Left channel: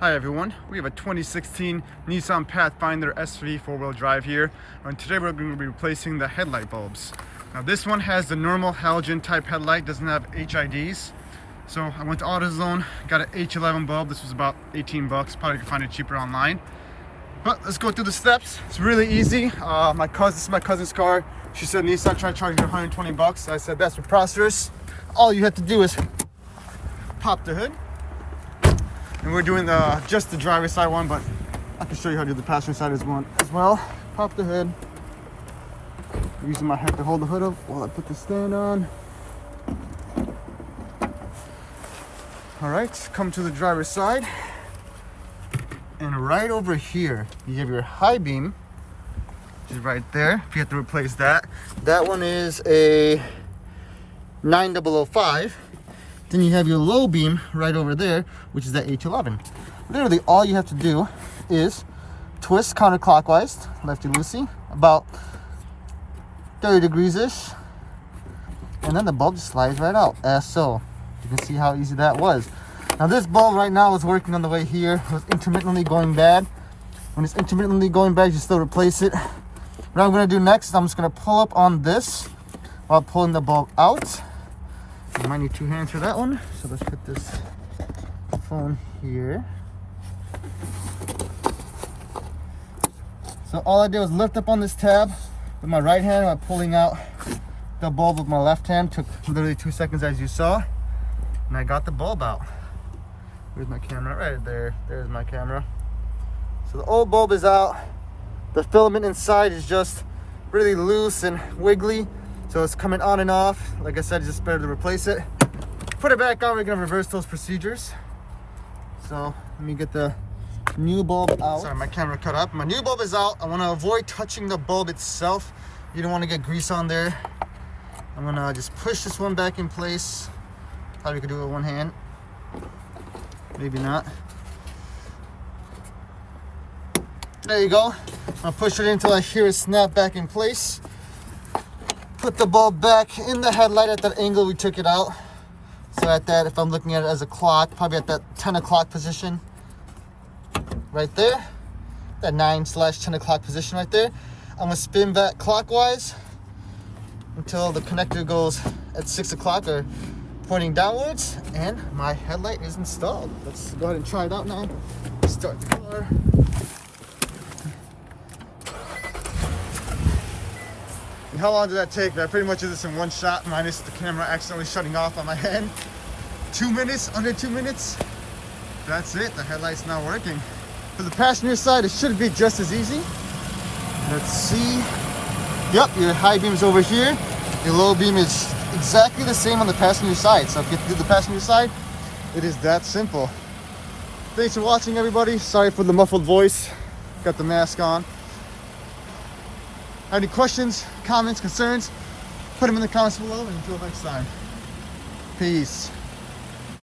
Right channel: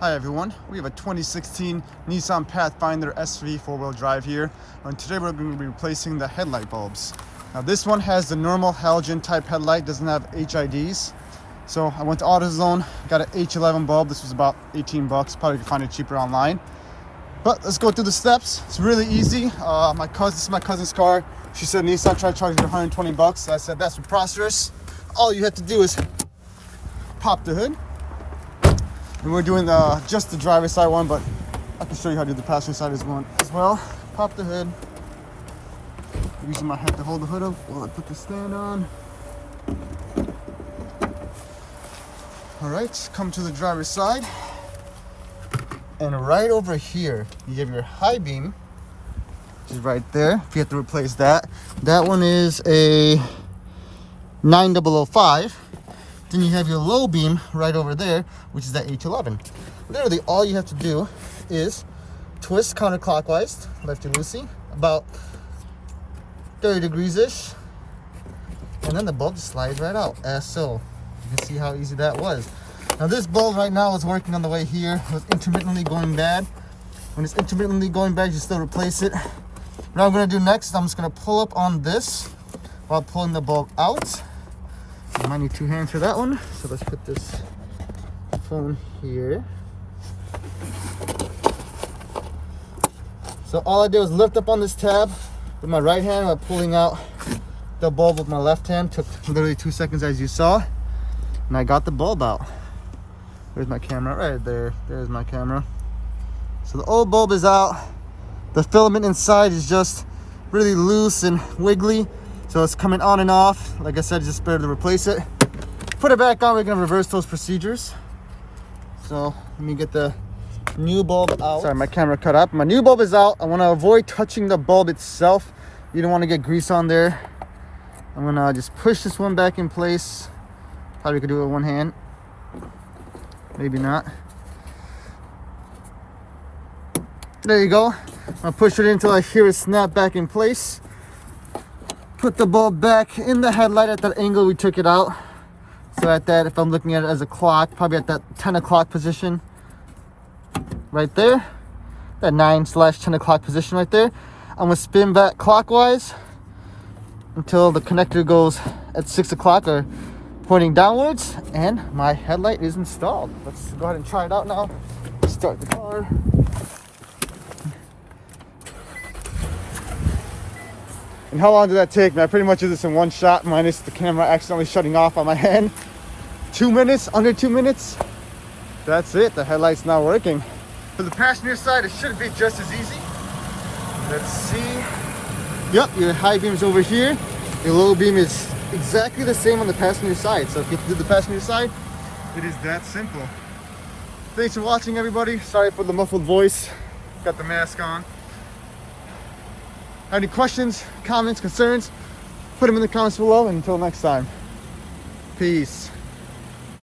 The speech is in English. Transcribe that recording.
Hi everyone, we have a 2016 Nissan Pathfinder SV 4-wheel drive here, and today we're going to be replacing the headlight bulbs. Now this one has the normal halogen type headlight, doesn't have HIDs. So I went to AutoZone, got an H11 bulb. This was about 18 bucks, probably could find it cheaper online. But let's go through the steps. It's really easy. This is my cousin's car. She said Nissan tried to charge her 120 bucks. I said that's preposterous. All you have to do is pop the hood. And we're doing just the driver's side one, but I can show you how to do the passenger side as well. Pop the hood. Using my head to hold the hood up while I put the stand on. All right, come to the driver's side. And right over here, you have your high beam, which is right there. If you have to replace that. That one is a 9005. Then you have your low beam right over there, which is that H11. Literally, all you have to do is twist counterclockwise, lefty-loosey, about 30 degrees-ish. And then the bulb just slides right out, as so. You can see how easy that was. Now this bulb right now is working on the way here. It was intermittently going bad. When it's intermittently going bad, you still replace it. What I'm gonna do next, I'm just gonna pull up on this while pulling the bulb out. You might need two hands for that one. So let's put this phone here. So all I did was lift up on this tab with my right hand while pulling out the bulb with my left hand. Took literally 2 seconds, as you saw. And I got the bulb out. There's my camera right there. There's my camera. So the old bulb is out. The filament inside is just really loose and wiggly. So it's coming on and off. Like I said, it's just better to replace it. Put it back on, we're gonna reverse those procedures. So let me get the new bulb out. Sorry, my camera cut up. My new bulb is out. I wanna avoid touching the bulb itself. You don't wanna get grease on there. I'm gonna just push this one back in place. Probably could do it with one hand. Maybe not. There you go. I'll push it until I hear it snap back in place. Put the bulb back in the headlight at that angle we took it out. So at that, if I'm looking at it as a clock, probably at that 10 o'clock position right there. That 9/10 o'clock position right there. I'm gonna spin back clockwise until the connector goes at 6 o'clock or pointing downwards, and my headlight is installed. Let's go ahead and try it out now. Start the car. And how long did that take? I pretty much did this in one shot, minus the camera accidentally shutting off on my hand. 2 minutes, under 2 minutes. That's it, the headlight's not working. For the passenger side, it should be just as easy. Let's see. Yep, your high beam is over here. Your low beam is exactly the same on the passenger side. So if you do the passenger side, it is that simple. Thanks for watching, everybody. Sorry for the muffled voice. Got the mask on. Have any questions, comments, concerns? Put them in the comments below, and until next time. Peace.